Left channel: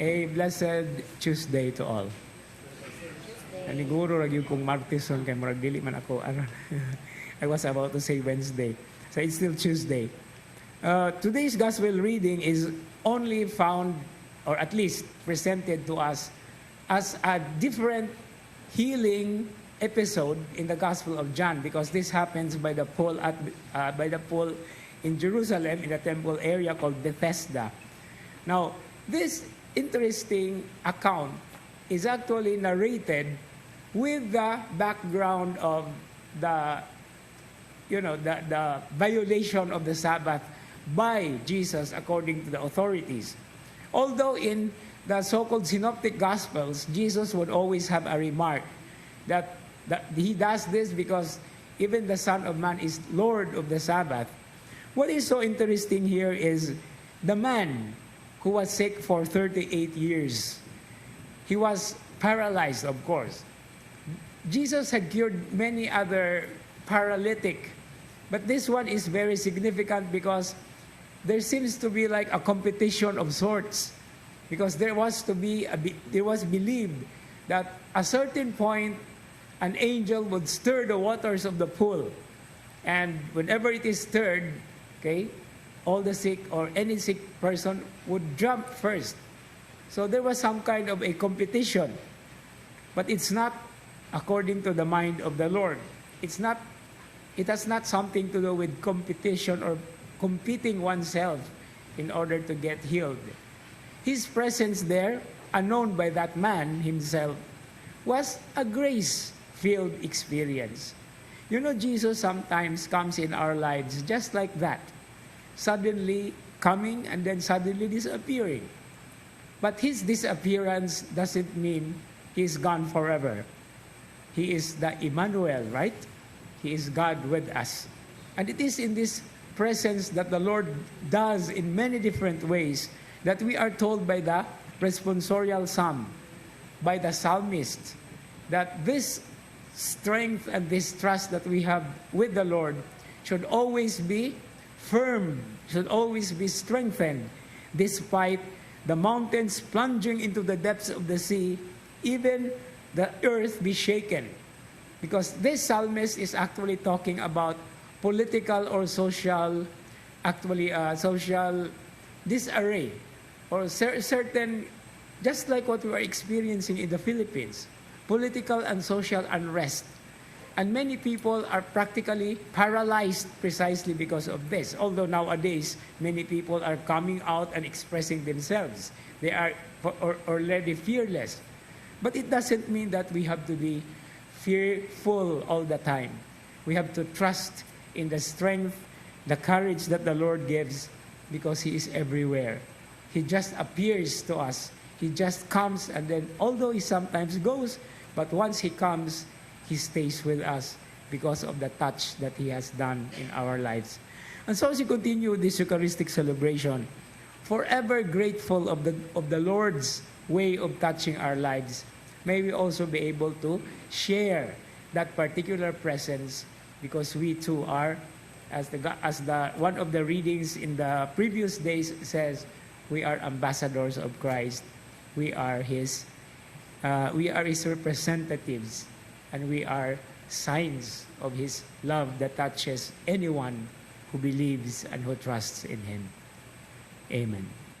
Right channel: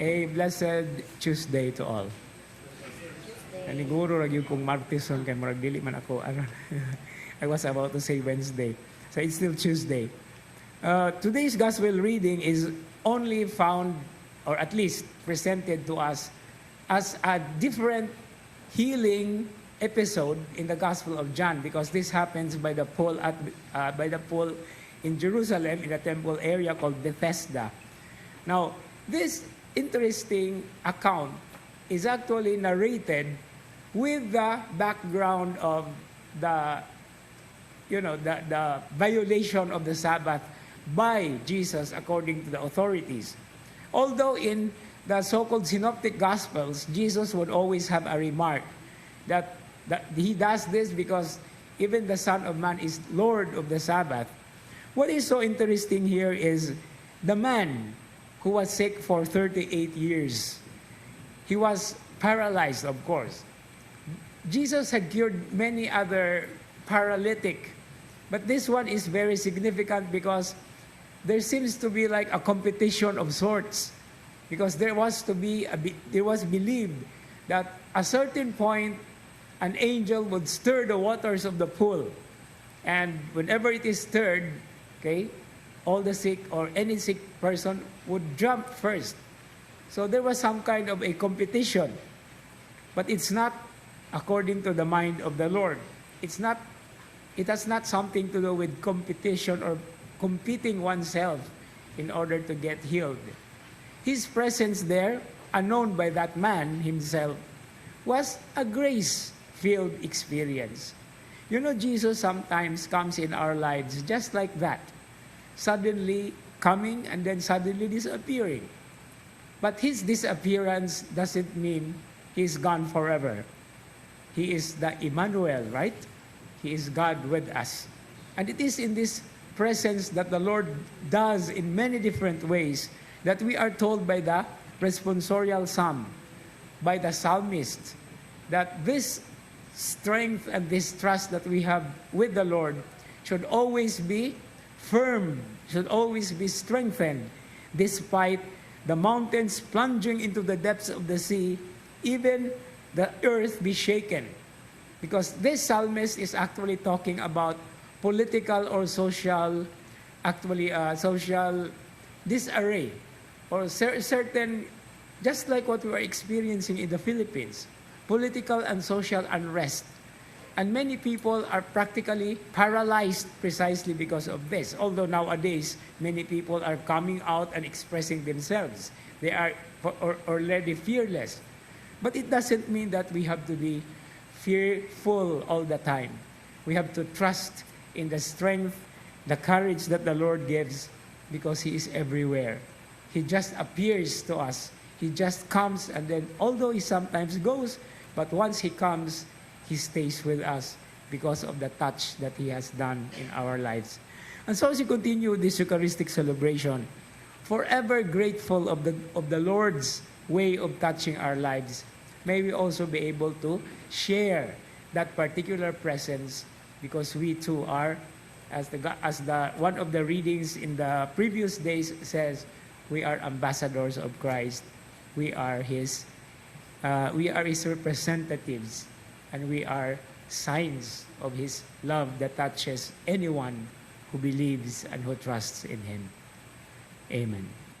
A blessed Tuesday to all. Naniguro lagi kong Martison kay murag dili man ako. I was about to say Wednesday. So it's still Tuesday. Today's gospel reading is only found, or at least presented to us, as a different healing episode in the Gospel of John, because this happens by the pool in Jerusalem in a temple area called Bethesda. Now, this interesting account is actually narrated with the background of the violation of the Sabbath by Jesus according to the authorities. Although in the so-called synoptic gospels, Jesus would always have a remark that he does this because even the Son of Man is Lord of the Sabbath. What is so interesting here is the man who was sick for 38 years. He was paralyzed, of course. Jesus had cured many other paralytic, but this one is very significant because there seems to be like a competition of sorts, because there was believed that a certain point an angel would stir the waters of the pool, and whenever it is stirred, okay, all the sick or any sick person would jump first. So there was some kind of a competition, but it's not according to the mind of the Lord. It has not something to do with competition or competing oneself in order to get healed. His presence there, unknown by that man himself, was a grace-filled experience. You know, Jesus sometimes comes in our lives just like that, suddenly coming and then suddenly disappearing. But his disappearance doesn't mean he's gone forever. He is the Emmanuel, right? He is God with us. And it is in this presence that the Lord does in many different ways that we are told by the responsorial psalm, by the psalmist, that this strength and this trust that we have with the Lord should always be firm, should always be strengthened, despite the mountains plunging into the depths of the sea, even the earth be shaken. Because this psalmist is actually talking about political or social disarray, or certain, just like what we are experiencing in the Philippines, political and social unrest. And many people are practically paralyzed precisely because of this. Although nowadays, many people are coming out and expressing themselves. They are already fearless. But it doesn't mean that we have to be fearful all the time. We have to trust in the strength, the courage that the Lord gives, because He is everywhere. He just appears to us. He just comes, and then although He sometimes goes, but once He comes, He stays with us because of the touch that He has done in our lives. And so as we continue this Eucharistic celebration, forever grateful of the Lord's way of touching our lives, may we also be able to share that particular presence, because we too are, as the one of the readings in the previous days says, we are ambassadors of Christ. We are His representatives, and we are signs of His love that touches anyone who believes and who trusts in Him. Amen.